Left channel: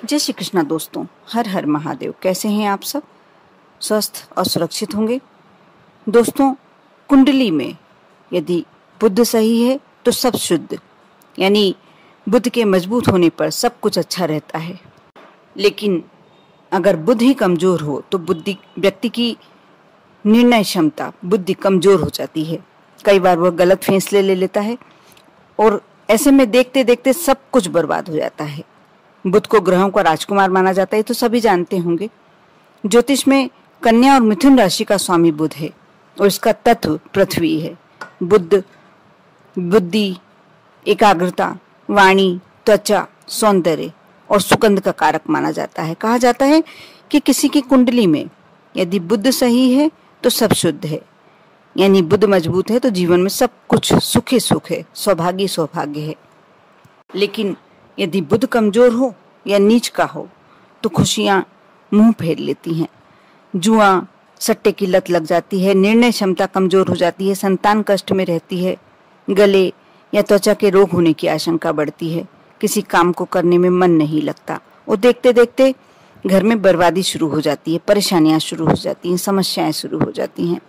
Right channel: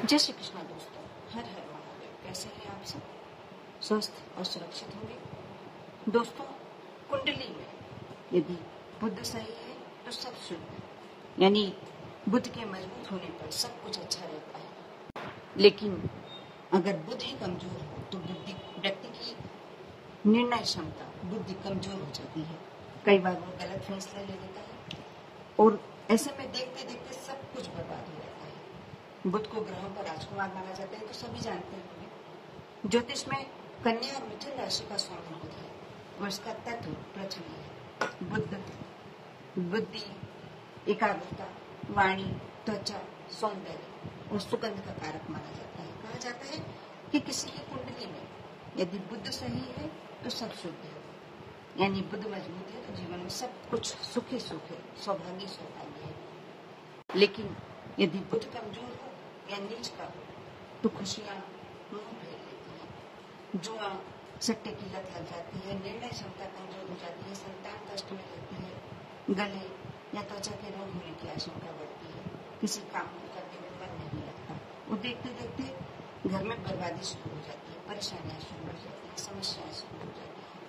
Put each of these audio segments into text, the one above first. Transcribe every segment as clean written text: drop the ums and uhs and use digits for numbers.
जय श्री कृष्णा दोस्तों, हर हर महादेव। कैसे हैं आप सब? स्वस्थ और सुरक्षित होंगे। दोस्तों, कुंडली में यदि बुध सही है तो सब शुद्ध, यानी बुध के मजबूत होने पर सब कुछ अच्छा रहता है। लेकिन अगर बुध ही कमजोर हो तो बुद्धि व्यक्ति की निर्णय क्षमता बुद्धि कमजोर हो जाती है। कई बार वह गलत फैसले ले लेता है और ऐसे में देखते देखते सब कुछ बर्बाद हो जाता है। बुध को ग्रहों का राजकुमार माना जाता है, तो सभी जानते होंगे। ज्योतिष में कन्या और मिथुन राशि का स्वामी बुध है और इसका तत्व पृथ्वी है। बुध बुद्धि, एकाग्रता, वाणी, त्वचा, सौंदर्य और सुगंध का कारक माना जाता है। कहा जाता है कि किसी की कुंडली में यदि बुध सही है तो सब शुद्ध है, यानी बुध मजबूत है तो जीवन में सब कुछ सुख ही सुख है, सौभाग्य सौभाग्य है। लेकिन यदि बुध कमजोर हो या नीच का हो तो खुशियां मुंह फेर लेती हैं। जुआ, सट्टे की लत लग जाती है, निर्णय क्षमता कमजोर हो जाती है, संतान कष्ट में रहती है, गले या त्वचा के रोग होने की आशंका बढ़ती है, किसी काम को करने में मन नहीं लगता और देखते देखते घर में बर्बादी शुरू हो जाती है, परेशानियां शुरू हो जाती हैं, समस्याएं शुरू हो जाती हैं।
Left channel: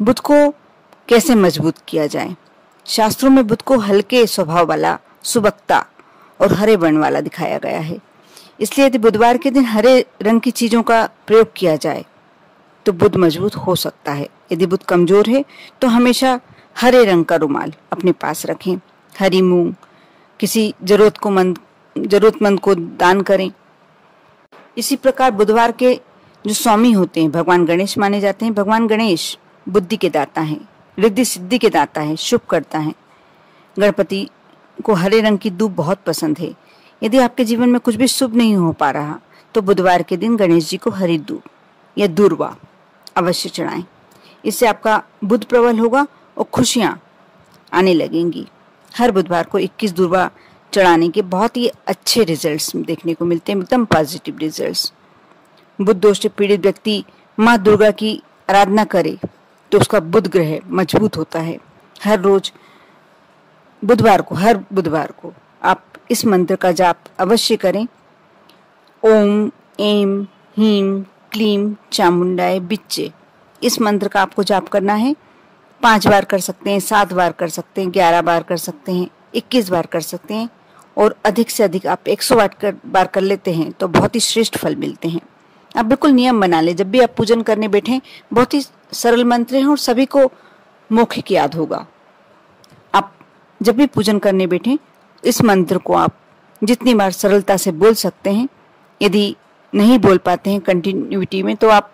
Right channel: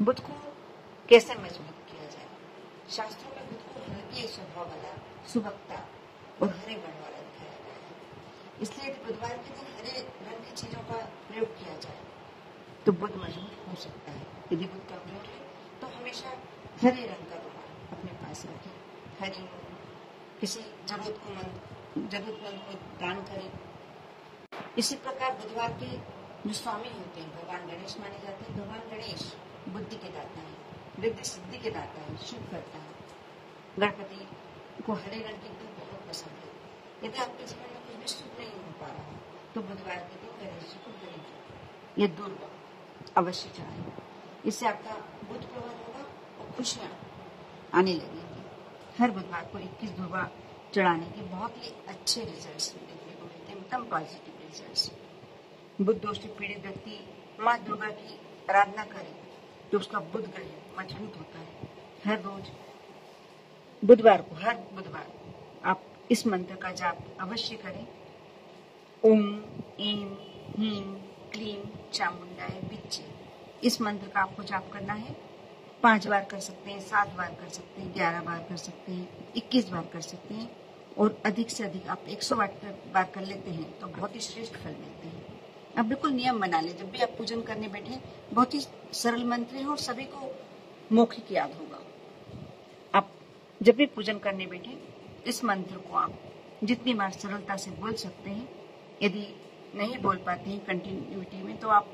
बुध को कैसे मजबूत किया जाए? शास्त्रों में बुध को हल्के स्वभाव वाला, सुबक्ता और हरे वर्ण वाला दिखाया गया है। इसलिए यदि बुधवार के दिन हरे रंग की चीजों का प्रयोग किया जाए तो बुध मजबूत हो सकता है। यदि बुध कमजोर है तो हमेशा हरे रंग का रुमाल अपने पास रखें, हरी मूंग किसी जरूरतमंद को दान करें। इसी प्रकार बुधवार के जो स्वामी होते हैं भगवान गणेश माने जाते हैं। भगवान गणेश बुद्धि के दाता हैं, रिद्धि सिद्धि के दाता हैं, शुभ करता है। गणपति को हरे रंग की दूब बहुत पसंद है। यदि आपके जीवन में कुछ भी शुभ नहीं हो पा रहा तो बुधवार के दिन गणेश जी को हरी दूब या दूर्वा अवश्य चढ़ाएं। इससे आपका बुध प्रबल होगा और खुशियां आने लगेंगी। हर बुधवार को 21 दूर्वा चढ़ाने के बहुत ही अच्छे रिजल्ट्स देखने को मिलते हैं, एकदम पॉजिटिव रिजल्ट्स। बुध दोष से पीड़ित व्यक्ति माँ दुर्गा की आराधना करे तो उसका बुध ग्रह मजबूत होता है। हर बुधवार को आप इस मंत्र का जाप अवश्य करें। ओम ऐं ह्रीं क्लीं चामुंडाय विच्चे। इस मंत्र का आपको जाप करना है। 5 बार कर सकते हैं, 7 बार कर सकते हैं, 11 बार कर सकते हैं, 21 बार कर सकते हैं और अधिक से अधिक आप 108 बार कर लेते हैं तो बहुत ही श्रेष्ठ फल मिलते हैं। आप बिल्कुल नियम बना लें, जब भी आप पूजन करने बैठें बहुत ही सरल मंत्र हैं और सभी को मौखिक याद होगा। आप जब भी पूजन करने बैठें इस मंत्र को आप जितनी बार सरलता से बोल सकते हैं। यदि नहीं बोल पाते हैं कंटिन्यूटी में तो आप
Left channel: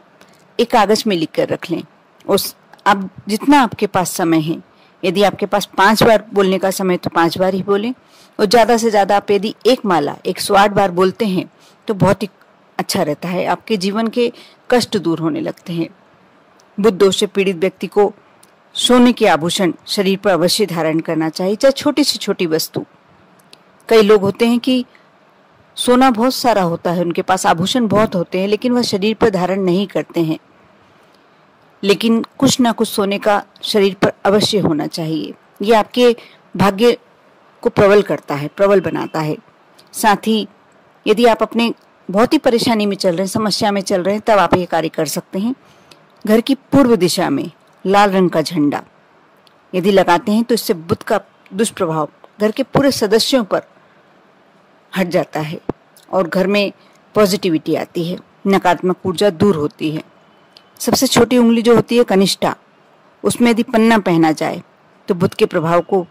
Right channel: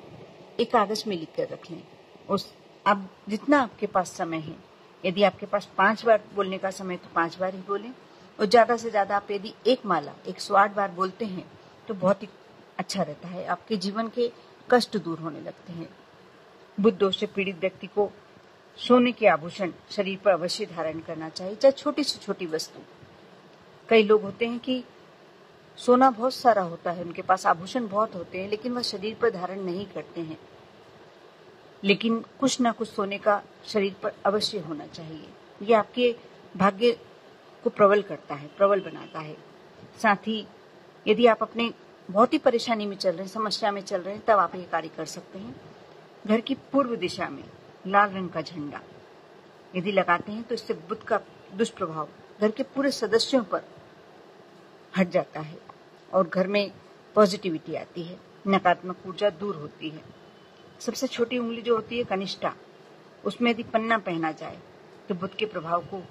एक कागज में लिख कर रख लें। उस आप जितना आपके पास समय है, यदि आपके पास 5 बार बोलने का समय तो 5 बार ही बोलें और ज़्यादा से ज़्यादा आप यदि एक माला 108 बार बोलते हैं तो बहुत ही अच्छा रहता है। आपके जीवन के कष्ट दूर होने लगते हैं। बुध दोष से पीड़ित व्यक्ति को सोने के आभूषण शरीर पर अवश्य धारण करना चाहिए, चाहे छोटी से छोटी वस्तु। कई लोग होते हैं कि सोना बहुत सारा होता है, उनके पास आभूषण बहुत होते हैं लेकिन वह शरीर पर धारण नहीं करते हैं। लेकिन कुछ ना कुछ सोने का शरीर पर अवश्य होना चाहिए। ये आपके भाग्य को प्रबल करता है, प्रबल बनाता है। साथ ही यदि आप अपने बहुत ही परेशानी में चल रहे हैं, समस्या में चल रहे हैं, तब आप ये कार्य कर सकते हैं। घर की पूर्व दिशा में लाल रंग का झंडा यदि लगाते हैं तो इससे बुध का दुष्प्रभाव घर के पूरे सदस्यों पर हट जाता है और घर में पॉजिटिविटी आती है, नकारात्मक ऊर्जा दूर होती है। सबसे छोटी उंगली जो होती है कनिष्ठा, उसमें यदि पन्ना पहना जाए तो बुध के प्रभाव को,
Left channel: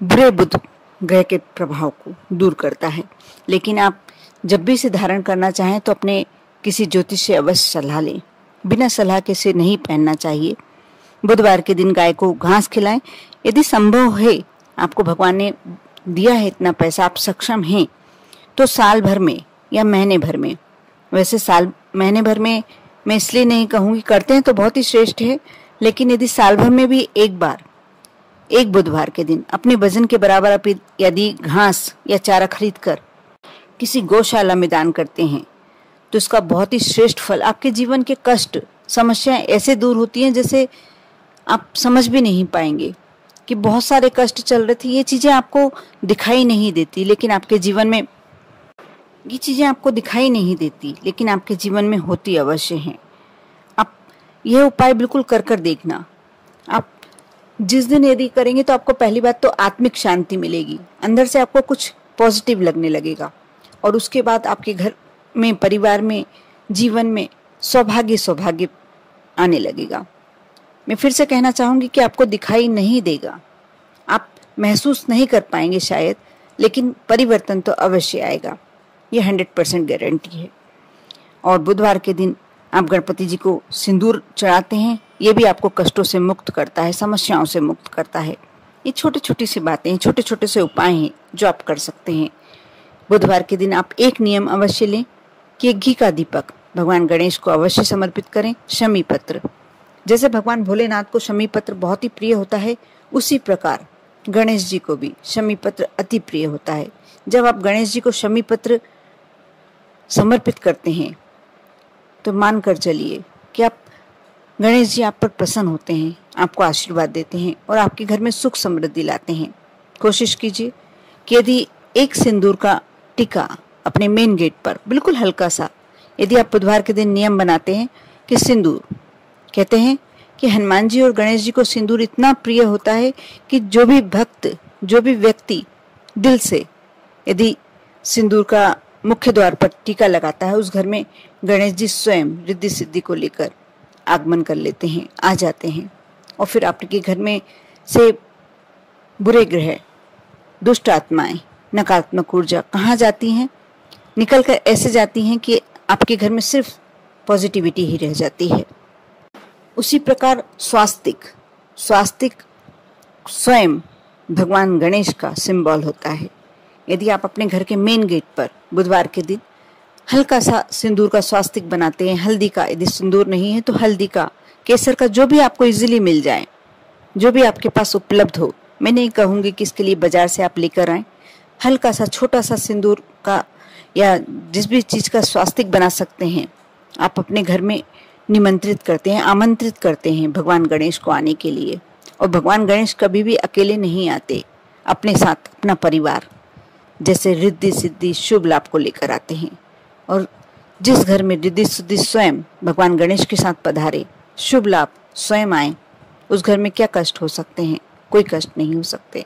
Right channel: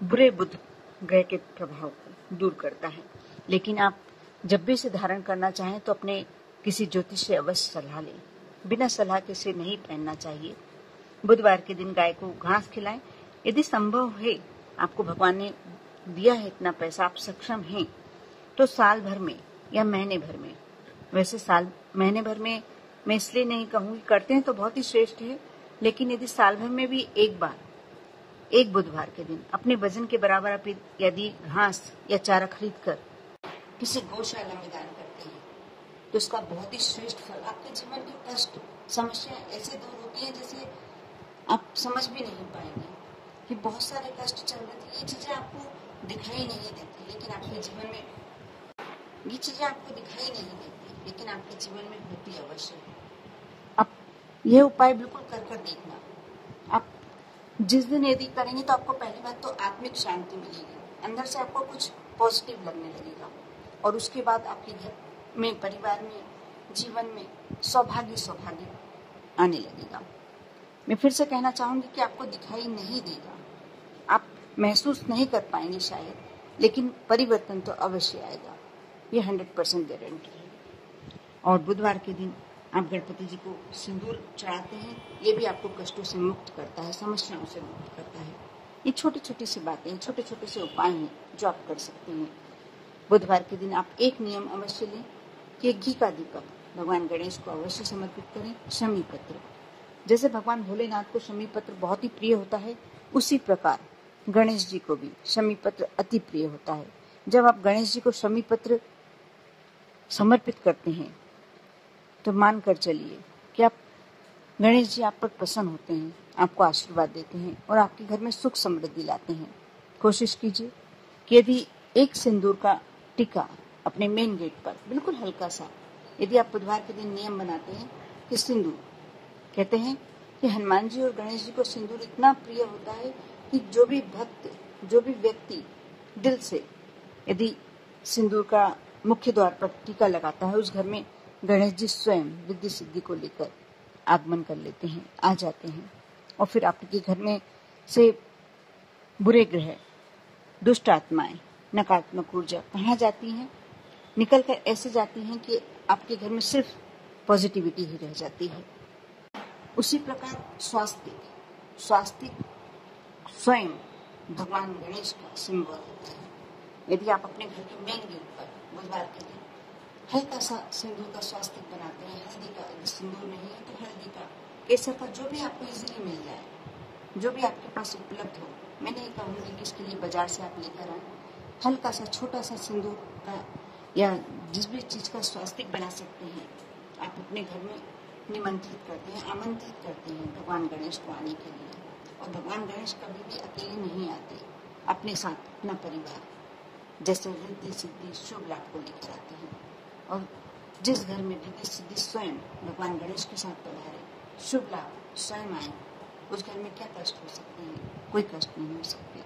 बुरे बुध ग्रह के प्रभाव को दूर करता है। लेकिन आप जब भी इसे धारण करना चाहें तो अपने किसी ज्योतिष से अवश्य सलाह लें। बिना सलाह के इसे नहीं पहनना चाहिए। बुधवार के दिन गाय को घास खिलाएं। यदि संभव है, आपको भगवान ने दिया है इतना पैसा, आप सक्षम हैं, तो साल भर में या महीने भर में, वैसे महीने भर में मैं इसलिए नहीं कहूँगी, करते हैं तो बहुत ही श्रेष्ठ है, लेकिन यदि साल भर में भी एक बार, एक बुधवार के दिन अपने वजन के बराबर आप यदि घास या चारा खरीद कर किसी गौशाला में दान करते हैं तो इसका बहुत ही श्रेष्ठ फल, आपके जीवन के कष्ट, समस्याएं ऐसे दूर होती हैं जैसे आप समझ भी नहीं पाएंगे कि बहुत सारे कष्ट चल रहे थे। ये चीजें आपको दिखाई नहीं देती लेकिन आपके जीवन में ये चीज़ें आपको दिखाई नहीं देती, लेकिन आपके जीवन में होती अवश्य हैं। आप यह उपाय बिल्कुल कर कर देखना। आप जिस दिन यदि करेंगे तो आपको पहली बात तो आत्मिक शांति मिलेगी, अंदर से आपको कुछ पॉजिटिव लगने लगेगा, और उसके बाद आपके घर में, परिवार में, जीवन में सौभाग्य सौभाग्य आने लगेगा। मैं फिर से कहना चाहूँगी कि आपको दिखाई नहीं देगा, आप महसूस नहीं कर पाएंगे शायद, लेकिन परिवर्तन तो अवश्य आएगा, ये 100% गारंटी है। और बुधवार के दिन आप गणपति जी को सिंदूर चढ़ाते हैं, ये भी आपको कष्टों से मुक्त करता है, समस्याओं से मुक्त करता है। ये छोटी छोटी सी बातें, छोटे छोटे से उपाय हैं जो आप कर सकते हैं। बुधवार के दिन आप एक नियम अवश्य लें कि एक घी का दीपक भगवान गणेश को अवश्य समर्पित करें। शमी पत्र, जैसे भगवान भोलेनाथ को शमी पत्र बहुत ही प्रिय होता है, उसी प्रकार गणेश जी को भी शमी पत्र अति प्रिय होता है। जब आप गणेश जी को शमी पत्र समर्पित करते हैं तो मान कर चलिए कि आप गणेश जी आप पर प्रसन्न होते हैं, आपको आशीर्वाद देते हैं और आपके घर में सुख समृद्धि लाते हैं। कोशिश कीजिए कि यदि एक सिंदूर का टीका अपने मेन गेट पर बिल्कुल हल्का सा, यदि आप बुधवार के दिन नियम बनाते हैं कि सिंदूर, कहते हैं कि हनुमान जी और गणेश जी को सिंदूर इतना प्रिय होता है कि जो भी भक्त, जो भी व्यक्ति दिल से यदि सिंदूर का मुख्य द्वार पर टीका लगाता है, उस घर में गणेश जी स्वयं रिद्धि सिद्धि को लेकर आगमन कर लेते हैं, आ जाते हैं। और फिर आपके घर में से बुरे ग्रह, दुष्ट आत्माएं, नकारात्मक ऊर्जा कहाँ जाती हैं? निकल कर ऐसे जाती हैं कि आपके घर में सिर्फ पॉजिटिविटी ही रह जाती है। उसी प्रकार स्वास्तिक स्वयं भगवान गणेश का सिंबल होता है। यदि आप अपने घर के मेन गेट पर बुधवार के दिन हल्का सा सिंदूर का स्वास्तिक बनाते हैं, हल्दी का, यदि सिंदूर नहीं है तो हल्दी का, केसर का, जो भी आपको इजीली मिल जाए, जो भी आपके पास उपलब्ध हो, मैं नहीं कहूँगी कि इसके लिए बाजार से आप लेकर आएं, हल्का सा छोटा सा सिंदूर का या जिस भी चीज़ का स्वास्तिक बना सकते हैं, आप अपने घर में निमंत्रित करते हैं, आमंत्रित करते हैं भगवान गणेश को आने के लिए। और भगवान गणेश कभी भी अकेले नहीं आते, अपने साथ अपना परिवार, जैसे रिद्धि सिद्धि शुभ लाभ को लेकर आते हैं। और जिस घर में रिद्धि सिद्धि स्वयं भगवान गणेश के साथ पधारे, शुभ लाभ स्वयं आए, उस घर में क्या कष्ट हो सकते हैं? कोई कष्ट नहीं हो सकते,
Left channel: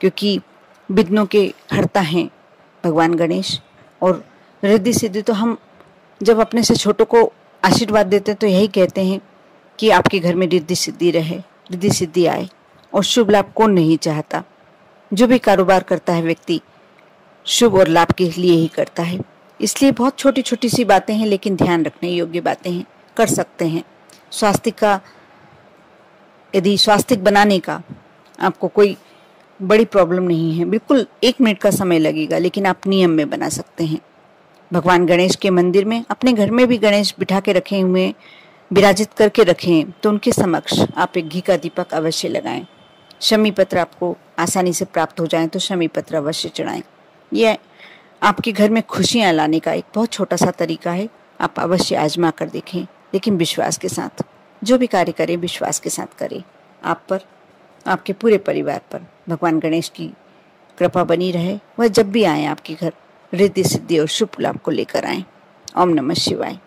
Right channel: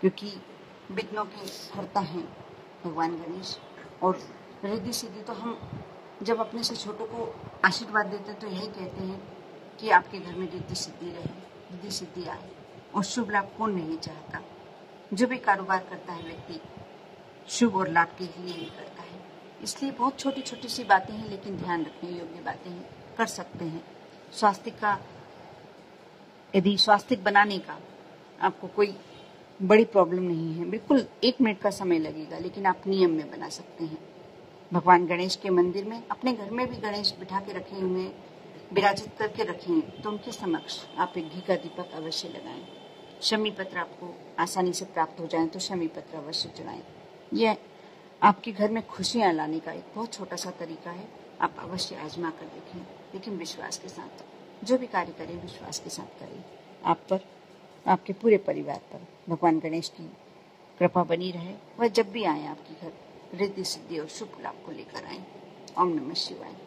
क्योंकि विघ्नों के हरता हैं भगवान गणेश। और रिद्धि सिद्धि तो हम जब अपने से छोटों को आशीर्वाद देते हैं तो यही कहते हैं कि आपके घर में रिद्धि सिद्धि रहे, रिद्धि सिद्धि आए। और शुभ लाभ कौन नहीं चाहता? जो भी कारोबार करता है व्यक्ति शुभ और लाभ के लिए ही करता है। इसलिए बहुत छोटी छोटी सी बातें हैं, लेकिन ध्यान रखने योग्य बातें हैं, कर सकते हैं। स्वास्तिक का, यदि स्वास्तिक बनाने का आपको कोई बड़ी प्रॉब्लम नहीं है, बिल्कुल 1 मिनट का समय लगेगा, लेकिन आप नियम में बना सकते हैं। भगवान गणेश के मंदिर में, अपने घर में भी गणेश बिठा के रखे हुए, विराजित करके रखें, तो उनके समक्ष आप एक घी का दीपक अवश्य लगाएं। शमी पत्र आपको आसानी से प्राप्त हो जाए तो शमी पत्र अवश्य चढ़ाएं। यह आपके घर में खुशियां लाने का एक बहुत छोटा सा तरीका है, आप अवश्य आजमा कर देखें, लेकिन विश्वास के साथ। जो भी कार्य करें विश्वास के साथ करें। आप पर, आपके पूरे परिवार पर भगवान गणेश की कृपा बनी रहे। वह जब भी आए आपके घर रिद्धि सिद्धि और शुभ लाभ को लेकर आए। ओम नमः शिवाय।